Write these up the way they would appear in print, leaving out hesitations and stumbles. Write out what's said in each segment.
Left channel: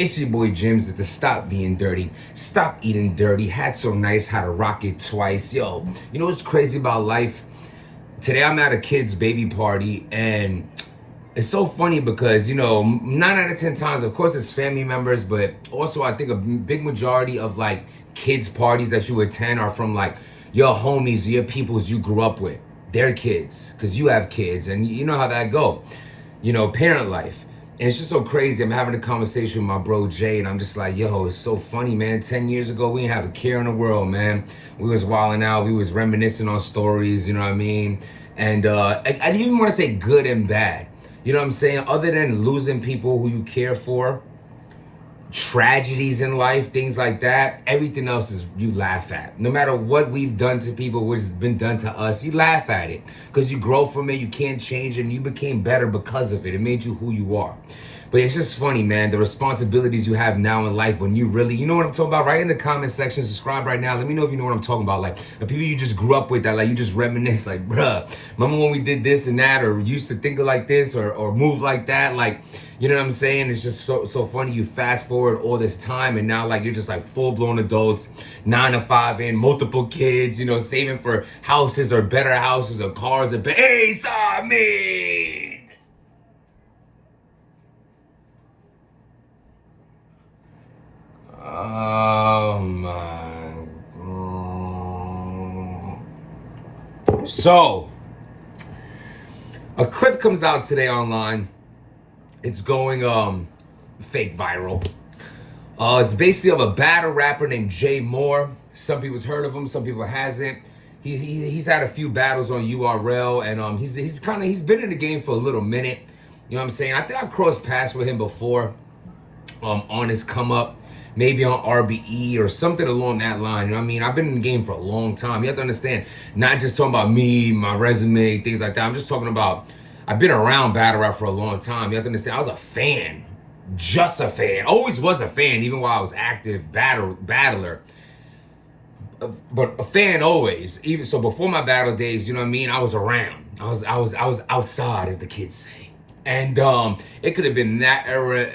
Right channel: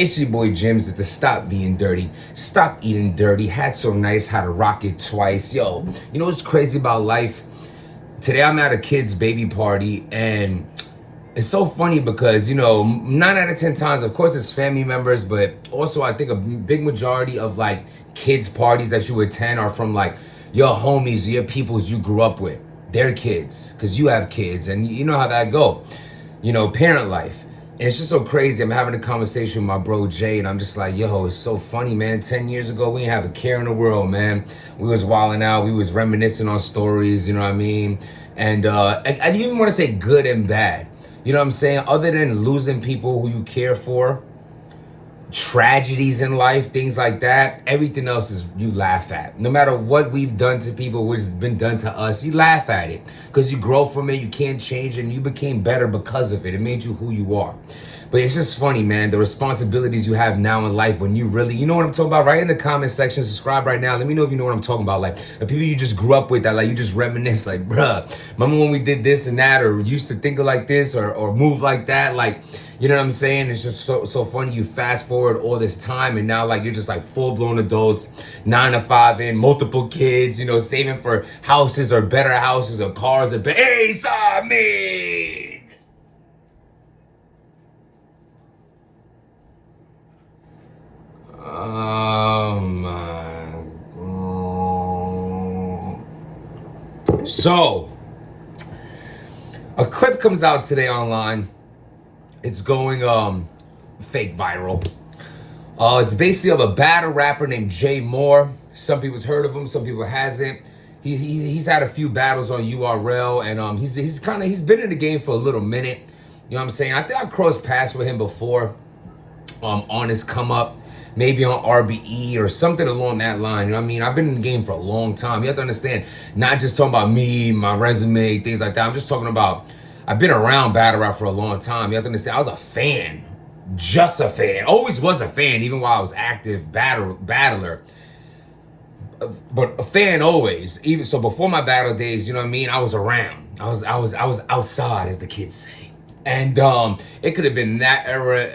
It's your boy Jims with the Stop Being Dirty, Stop Eating Dirty, Hat So Nice, How to Rock It Twice. Yo, you know what's crazy about life? Today I'm at a kid's baby party, and it's so funny because, 9 out of 10 times, of course, it's family members, but also I think a big majority of like kids' parties that you attend are from like your homies, your peoples you grew up with, their kids, because you have kids, and you know how that go, parent life. And it's just so crazy. I'm having a conversation with my bro Jay, and I'm just like, yo, it's so funny, man. 10 years ago, we didn't have a care in the world, man. We was wilding out. We was reminiscing on stories, you know what I mean? And I didn't even want to say good and bad. You know what I'm saying? Other than losing people who you care for, tragedies in life, things like that, everything else is you laugh at. No matter what we've done to people, what's been done to us, you laugh at it because you grow from it. You can't change it, and you became better because of it. It made you who you are. But it's just funny, man, the responsibilities you have now in life when you really, you know what I'm talking about? Right in the comment section, subscribe right now. Let me know if you know what I'm talking about. Like the people you just grew up with that, like you just reminisce, like, bruh, remember when we did this and that, or used to think like this, or move like that? Like, you know what I'm saying? It's just so funny. You fast forward all this time, and now like you're just like full-blown adults, 9 to 5 in, multiple kids, saving for houses or better houses or cars or hey, saw me. Oh my God. So, a clip comes out today online. It's going fake viral. It's basically of a battle rapper named Jay Moore. Some people's heard of him, some people hasn't. He's had a few battles on URL, and he's been in the game for a little minute. You know what I'm saying? I think I crossed paths with him before on his come up. Maybe on RBE or something along that line. You know what I mean? I've been in the game for a long time. You have to understand, not just talking about me, my resume, things like that. I'm just talking about, I've been around battle rap for a long time. You have to understand, I was a fan. Just a fan. Always was a fan, even while I was active battler. But a fan always. Even so before my battle days, you know what I mean? I was around. I was outside, as the kids say. And it could have been that era,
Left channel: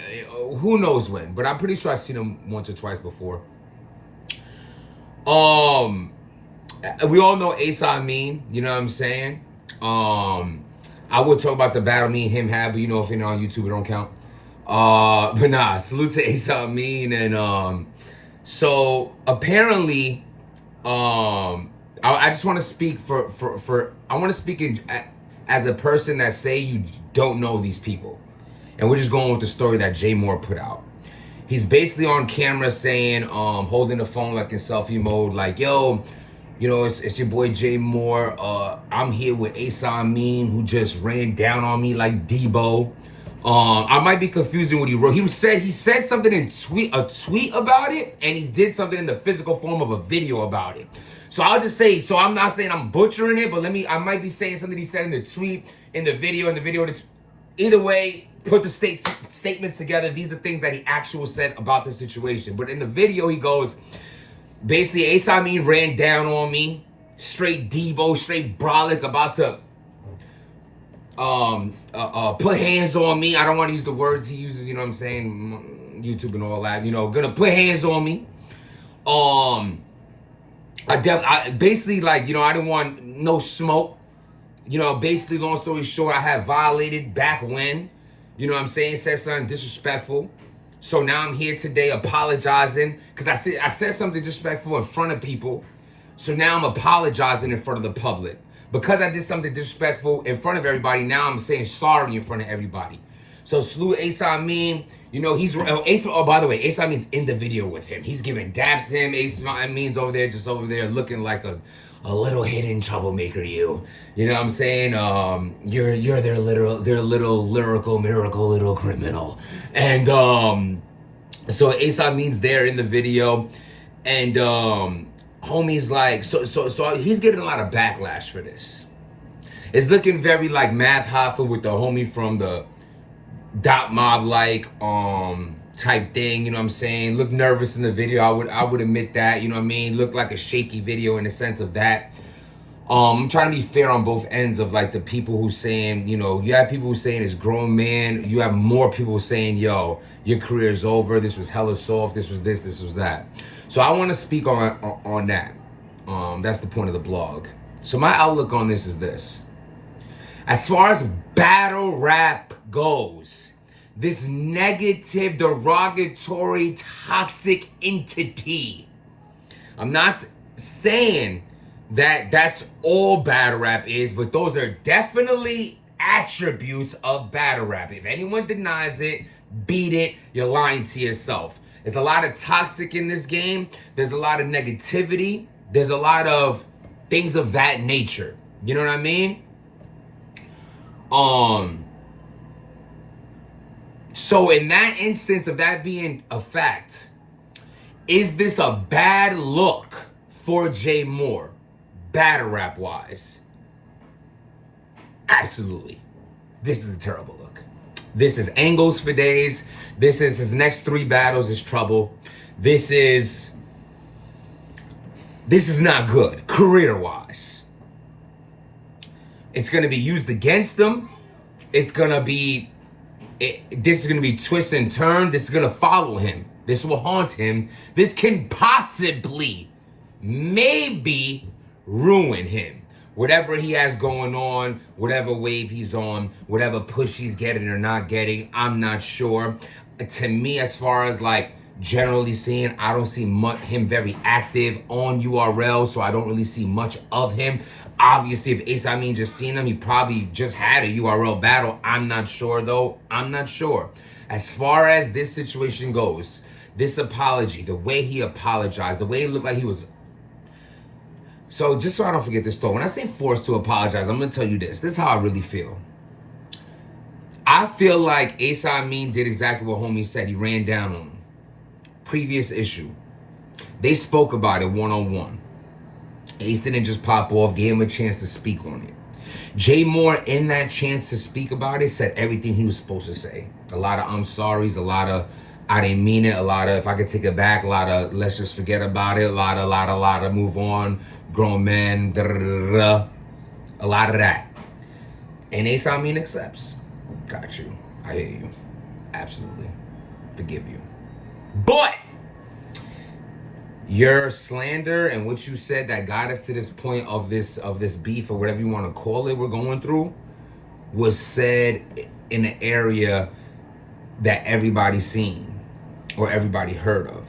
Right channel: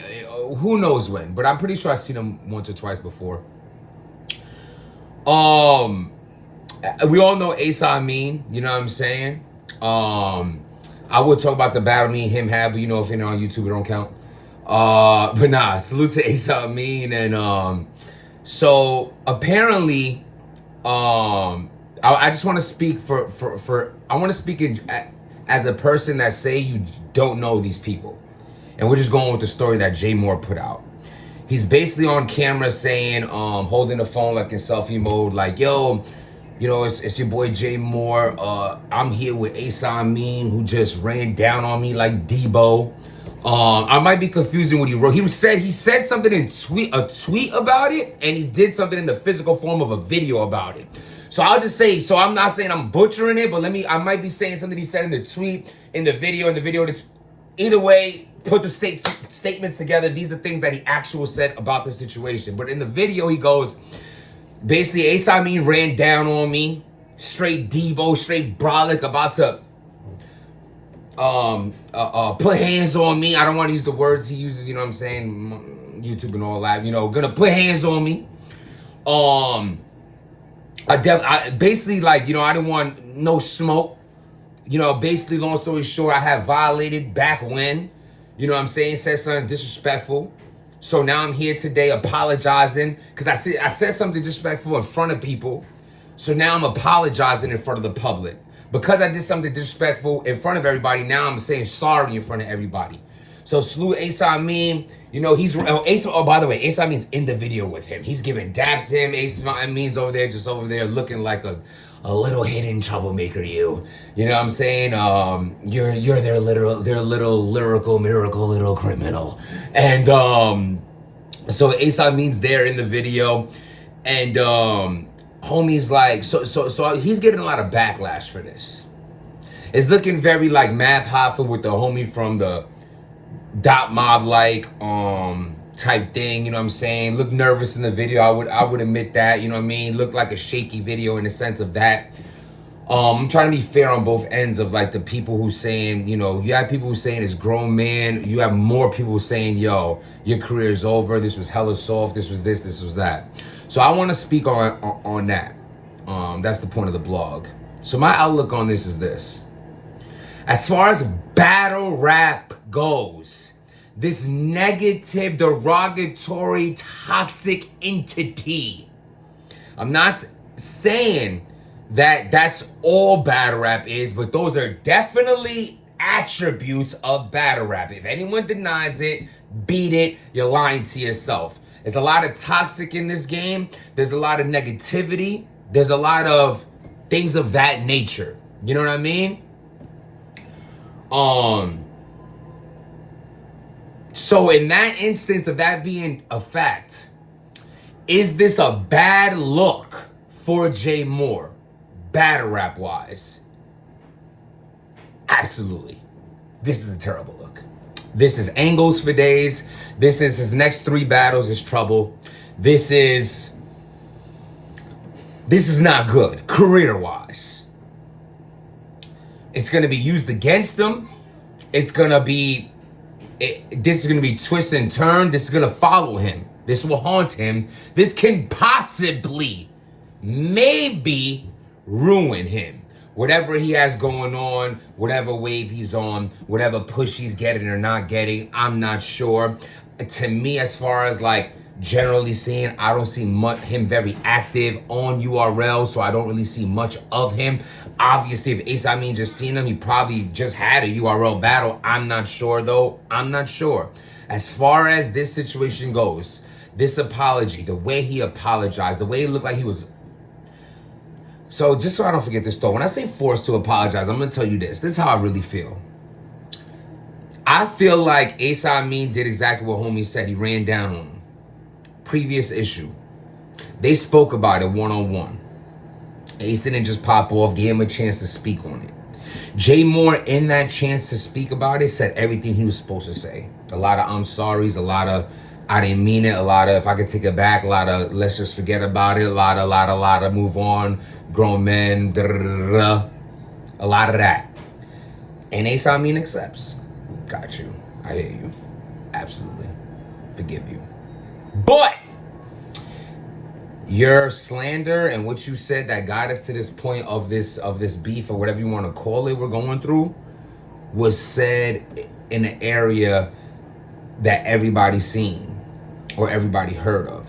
who knows when, but I'm pretty sure I've seen him once or twice before. We all know Amin, you know what I'm saying? I would talk about the battle me and him had, but if you're on YouTube, it don't count. But nah, salute to Amin. And so apparently, I just want to speak I want to speak as a person that say you don't know these people. And we're just going with the story that Jay Moore put out. He's basically on camera saying, holding the phone like in selfie mode, like, yo, it's your boy Jay Moore. I'm here with Amin, who just ran down on me like Debo. I might be confusing what he wrote. He said something in a tweet about it, and he did something in the physical form of a video about it. So I'll just say, so I'm not saying I'm butchering it, but I might be saying something he said in the tweet, in the video. Either way, put the statements together. These are things that he actually said about the situation. But in the video, he goes, basically, Amin ran down on me, straight Debo, straight brolic, about to put hands on me. I don't want to use the words he uses, you know what I'm saying? YouTube and all that, gonna put hands on me. I basically, like, I didn't want no smoke. Basically, long story short, I had violated back when, you know what I'm saying, said something disrespectful. So now I'm here today apologizing because I said something disrespectful in front of people. So now I'm apologizing in front of the public. Because I did something disrespectful in front of everybody, now I'm saying sorry in front of everybody. So salute Amin. Oh, by the way, Amin's in the video with him. He's giving dabs to him. Amin's over there looking like a little hidden troublemaker. You know what I'm saying? You're their little lyrical miracle little criminal. And so Amin's there in the video, and homie's like, so he's getting a lot of backlash for this. It's looking very like Math Hoffa with the homie from the Dot Mob type thing, you know what I'm saying? Look nervous in the video. I would admit that, you know what I mean? Looked like a shaky video in the sense of that. I'm trying to be fair on both ends of like the people who saying, you know, you have people who saying it's grown man. You have more people saying, yo, your career is over. This was hella soft. This was this. This was that. So I want to speak on that. That's the point of the blog. So my outlook on this is this. As far as battle rap goes, this negative, derogatory, toxic entity. I'm not saying that that's all battle rap is, but those are definitely attributes of battle rap. If anyone denies it, beat it, you're lying to yourself. There's a lot of toxic in this game. There's a lot of negativity. There's a lot of things of that nature. You know what I mean? So in that instance of that being a fact, is this a bad look for Jay Moore, battle rap wise? Absolutely. This is a terrible look. This is angles for days. This is his next 3 battles is trouble. This is not good career wise. It's going to be used against him. It's going to be, this is going to be twist and turn. This is going to follow him. This will haunt him. This can possibly, maybe ruin him. Whatever he has going on, whatever wave he's on, whatever push he's getting or not getting, I'm not sure. To me, as far as like generally seeing, I don't see him very active on URL, so I don't really see much of him. Obviously, if Amin just seen him, he probably just had a URL battle. I'm not sure, though. I'm not sure. As far as this situation goes, this apology, the way he apologized, the way it looked like he was... So just so I don't forget this, though, when I say forced to apologize, I'm going to tell you this. This is how I really feel. I feel like Amin did exactly what homie said. He ran down on him. Previous issue. They spoke about it one-on-one. Ace didn't just pop off, gave him a chance to speak on it. Jay Moore, in that chance to speak about it, said everything he was supposed to say. A lot of I'm sorries, a lot of I didn't mean it, a lot of if I could take it back, a lot of let's just forget about it, a lot of move on, grown men, a lot of that. And Amin accepts. Got you. I hear you. Absolutely. Forgive you. But your slander and what you said that got us to this point of this beef or whatever you want to call it we're going through was said in an area that everybody's seen or everybody heard of.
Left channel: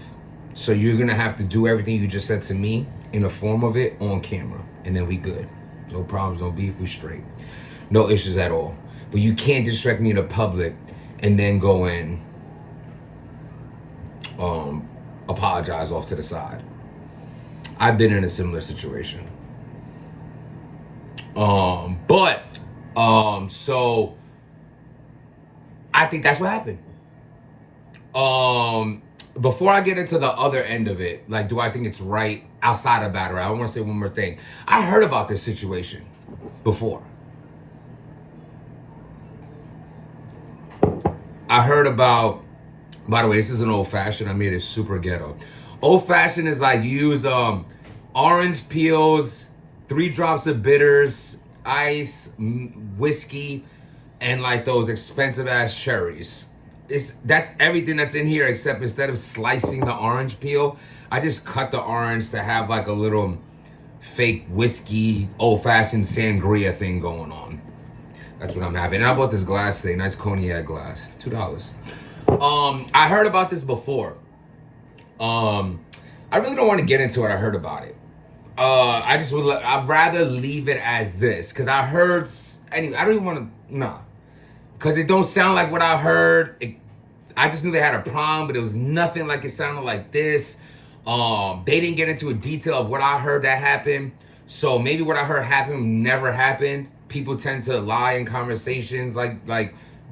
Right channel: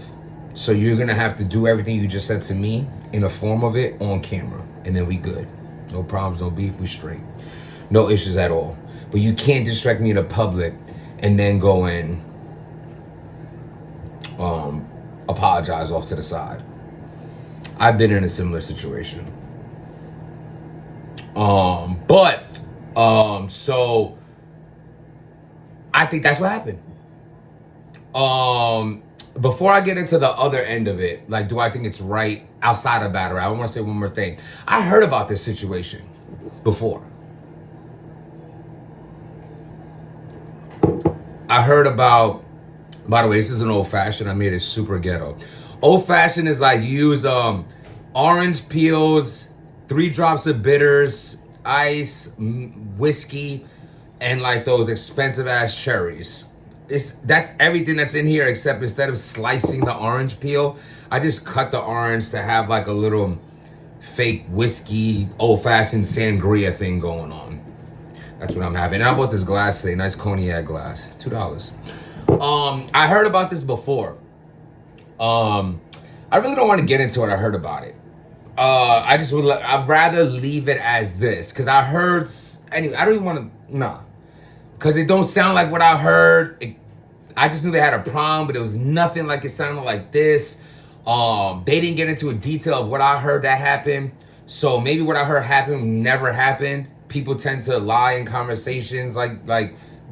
So you're going to have to do everything you just said to me in a form of it on camera. And then we good. No problems, no beef, we straight. No issues at all. But you can't distract me in the public and then go and apologize off to the side. I've been in a similar situation. So I think that's what happened. Before I get into the other end of it, like, do I think it's right outside of battle rap? I want to say one more thing. I heard about this situation before. I heard about, by the way, this is an old fashioned. I made it super ghetto. Old fashioned is like you use orange peels, 3 drops of bitters, ice, whiskey, and like those expensive ass cherries. That's everything that's in here, except instead of slicing the orange peel, I just cut the orange to have like a little fake whiskey, old fashioned sangria thing going on. That's what I'm having. And I bought this glass today, nice cognac glass, $2. I heard about this before. I really don't want to get into it. I heard about it. I'd rather leave it as this, because I heard, anyway, I don't even want to, nah. Because it don't sound like what I heard. I just knew they had a problem, but it was nothing like it sounded like this. They didn't get into a detail of what I heard that happened. So maybe what I heard happened never happened. People tend to lie in conversations like,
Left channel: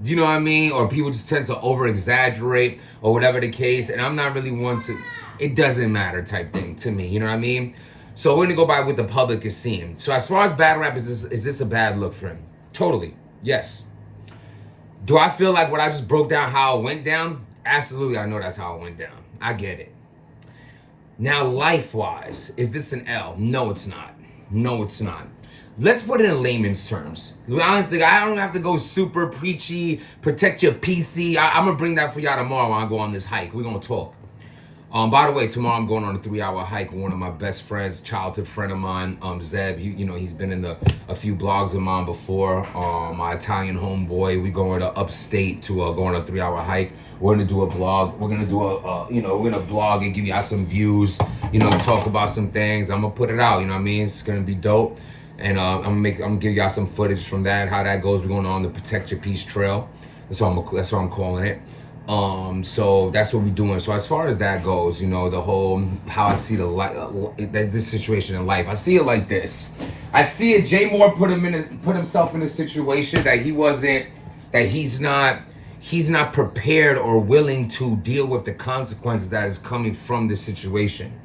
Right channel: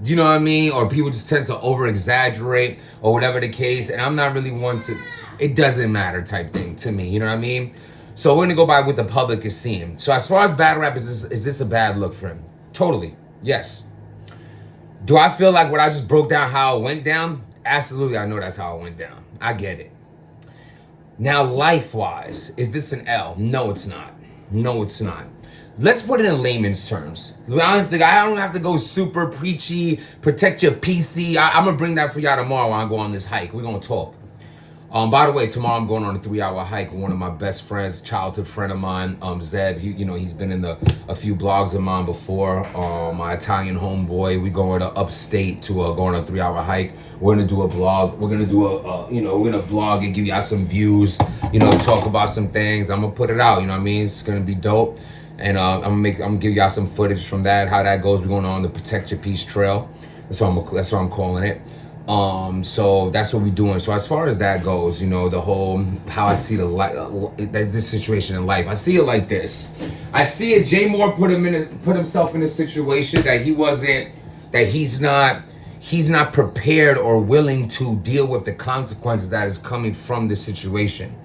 you know what I mean? Or people just tend to over-exaggerate or whatever the case. And I'm not really one to, it doesn't matter type thing to me. You know what I mean? So we're going to go by what the public is seeing. So as far as battle rap, is this a bad look for him? Totally. Yes. Do I feel like what I just broke down, how it went down? Absolutely, I know that's how it went down. I get it. Now, life-wise, is this an L? No, it's not. No, it's not. Let's put it in layman's terms. I don't have to go super preachy, protect your PC. I'm going to bring that for y'all tomorrow when I go on this hike. We're going to talk. By the way, tomorrow I'm going on a 3-hour hike with one of my best friends, childhood friend of mine, Zeb. He's been in a few blogs of mine before. My Italian homeboy. We going to upstate to go on a 3-hour hike. We're gonna do a blog. We're gonna do we're gonna blog and give y'all some views. Talk about some things. I'm gonna put it out. You know what I mean? It's gonna be dope. And I'm gonna give y'all some footage from that, how that goes. We're going on the Protect Your Peace Trail. That's what I'm calling it. So that's what we're doing. So as far as that goes, the whole how I see this situation in life, I see it like this. I see it. Jay Moore put himself in a situation that he's not prepared or willing to deal with the consequences that is coming from this situation.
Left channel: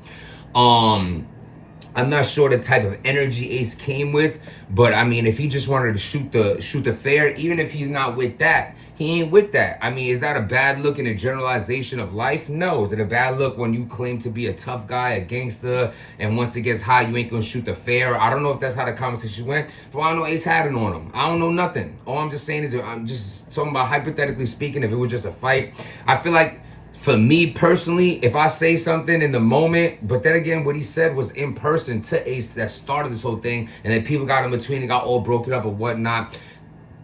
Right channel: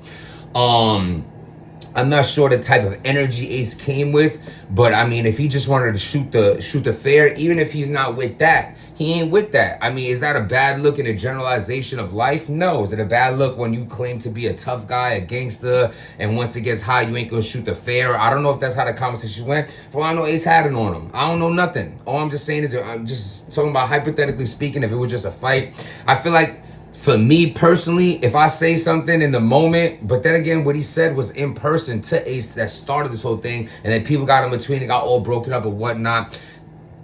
I'm not sure the type of energy Ace came with, but I mean, if he just wanted to shoot the fair, even if he's not with that, he ain't with that. I mean, is that a bad look in a generalization of life? No. Is it a bad look when you claim to be a tough guy, a gangster, and once it gets hot, you ain't gonna shoot the fair? I don't know if that's how the conversation went. For all I know, Ace had it on him. I don't know nothing. All I'm just saying is I'm just talking about hypothetically speaking, if it was just a fight. I feel like, for me personally, if I say something in the moment, but then again, what he said was in person to Ace that started this whole thing, and then people got in between and got all broken up and whatnot,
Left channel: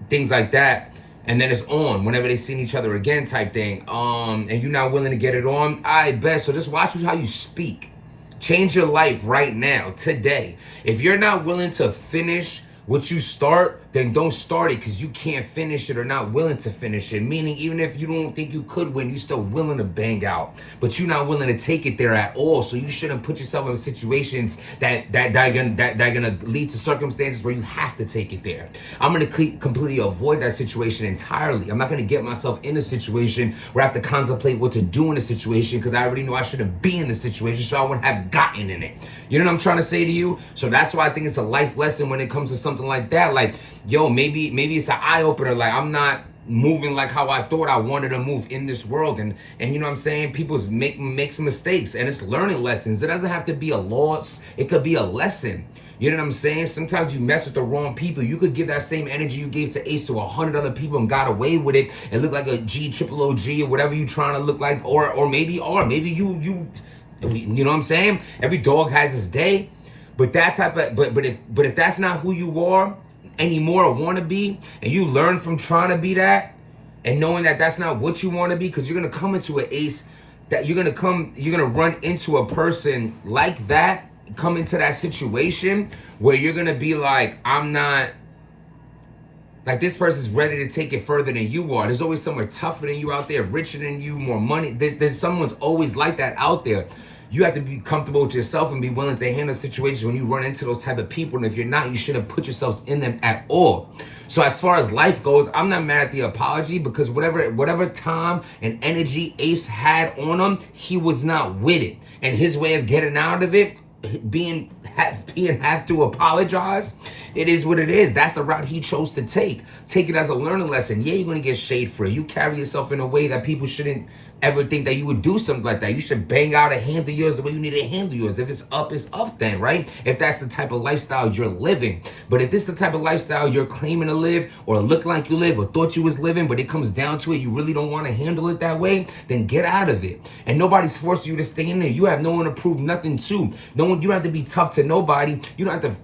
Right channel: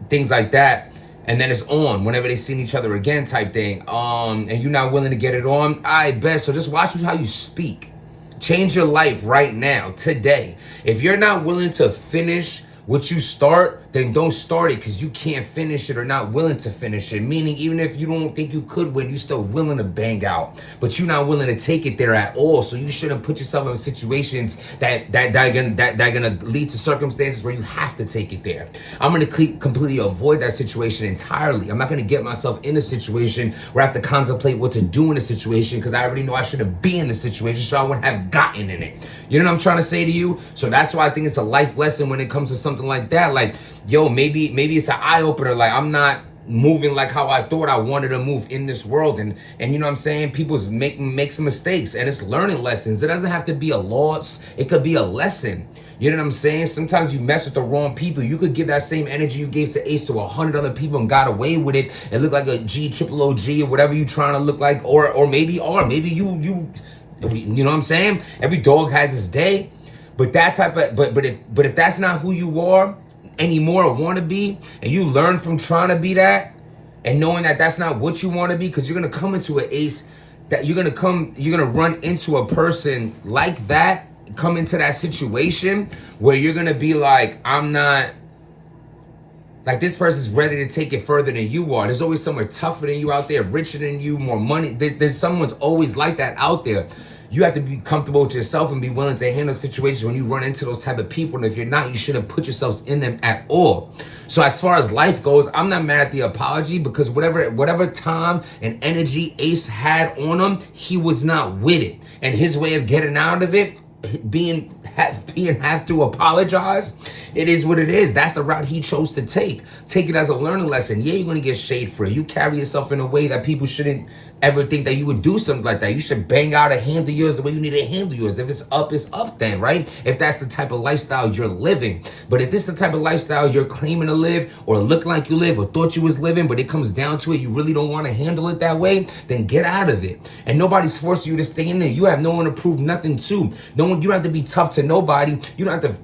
things like that. And then it's on whenever they seen each other again type thing. And you're not willing to get it on, I bet. So just watch how you speak. Change your life right now, today. If you're not willing to finish what you start, then don't start it because you can't finish it or not willing to finish it. Meaning, even if you don't think you could win, you're still willing to bang out, but you're not willing to take it there at all. So you shouldn't put yourself in situations that are gonna lead to circumstances where you have to take it there. I'm gonna completely avoid that situation entirely. I'm not gonna get myself in a situation where I have to contemplate what to do in a situation because I already know I shouldn't be in the situation, so I wouldn't have gotten in it. You know what I'm trying to say to you? So that's why I think it's a life lesson when it comes to something like that. Like, yo, maybe it's an eye-opener. Like, I'm not moving like how I thought I wanted to move in this world. And you know what I'm saying? People make some mistakes, and it's learning lessons. It doesn't have to be a loss. It could be a lesson. You know what I'm saying? Sometimes you mess with the wrong people. You could give that same energy you gave to Ace to 100 other people and got away with it and look like a triple OG or whatever you trying to look like. Or maybe you know what I'm saying? Every dog has his day. But that type of but if that's not who you are anymore or want to be, and you learn from trying to be that and knowing that that's not what you want to be, because you're gonna come into an Ace that you're gonna run into a person like that, come into that situation where you're gonna be like, I'm not like, this person's ready to take it further than you are. There's always someone tougher than you out there, richer than you, more money. There's someone's always like that out there. You have to be comfortable with yourself and be willing to handle situations when you run into those type of people. And if you're not, you shouldn't put yourselves in them at all. So as far as life goes, I'm not mad at the apology, because whatever time and energy Ace had on him, he was not with it. And his way of getting out of it, have to apologize, it is what it is. That's the route he chose to take. Take it as a learning lesson. Yeah, you're gonna get shade for it. You carry yourself in a way that people shouldn't ever think that you would do something like that. You should bang out and handle yours the way you need to handle yours. If it's up then, right? If that's the type of lifestyle you're living. But if this is the type of lifestyle you're claiming to live, or look like you live, or thought you was living, but it comes down to it, you really don't want to handle it that way, then get out of it. And nobody's forcing you to stay in there. You have no one to prove nothing to. You don't have to be tough to nobody. You don't have to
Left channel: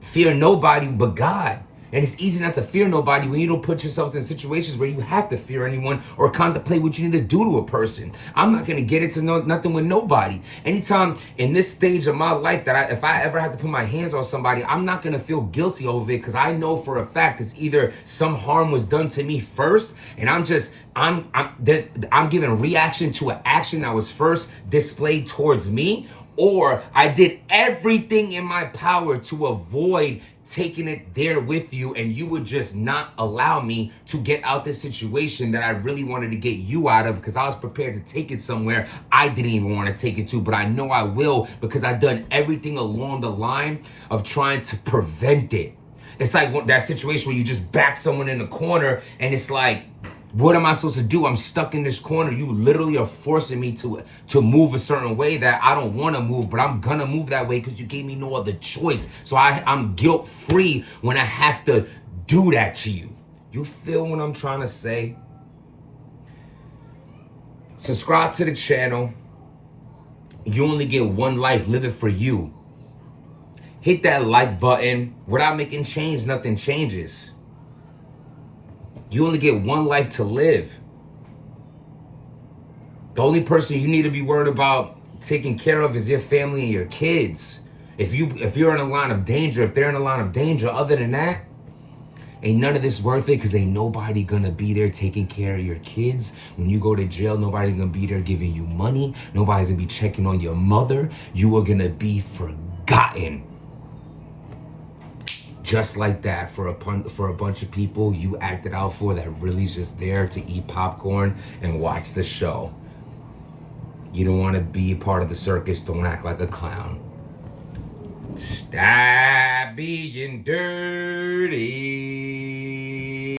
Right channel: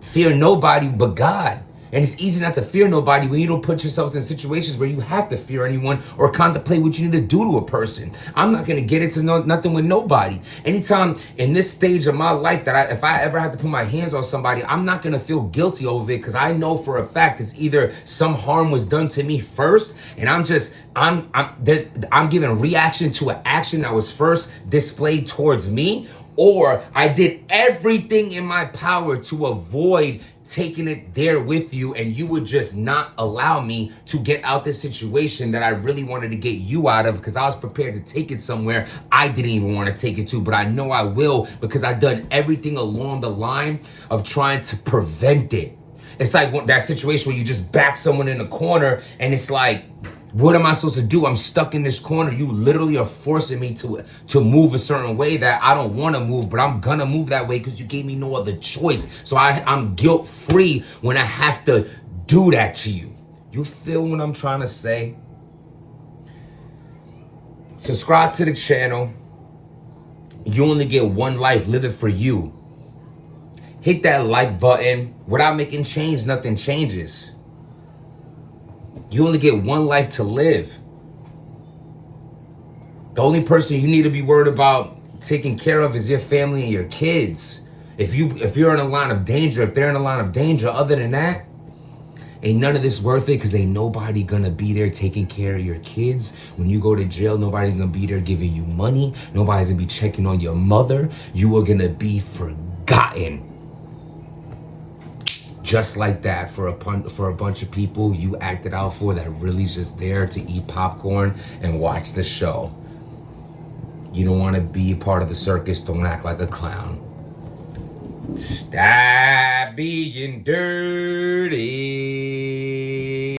fear nobody but God. And it's easy not to fear nobody when you don't put yourselves in situations where you have to fear anyone or contemplate what you need to do to a person. I'm not going to get into nothing with nobody. Anytime in this stage of my life that if I ever have to put my hands on somebody, I'm not going to feel guilty over it, because I know for a fact it's either some harm was done to me first, and I'm giving reaction to an action that was first displayed towards me, or I did everything in my power to avoid taking it there with you, and you would just not allow me to get out this situation that I really wanted to get you out of, because I was prepared to take it somewhere I didn't even want to take it to, but I know I will, because I've done everything along the line of trying to prevent it. It's like that situation where you just back someone in the corner, and it's like, What am I supposed to do? I'm stuck in this corner. You literally are forcing me to move a certain way that I don't want to move, but I'm gonna move that way because you gave me no other choice. So I'm guilt-free when I have to do that to you. You feel what I'm trying to say? Subscribe to the channel. You only get one life. Live it for you. Hit that like button. Without making change, nothing changes. You only get one life to live. The only person you need to be worried about taking care of is your family and your kids. If you're in a line of danger, if they're in a line of danger, other than that, ain't none of this worth it, because ain't nobody gonna be there taking care of your kids. When you go to jail, nobody's gonna be there giving you money. Nobody's gonna be checking on your mother. You are gonna be forgotten. Just like that, for a bunch of people you acted out for that really just there to eat popcorn and watch the show. You don't want to be a part of the circus. Don't act like a clown. Stop being dirty.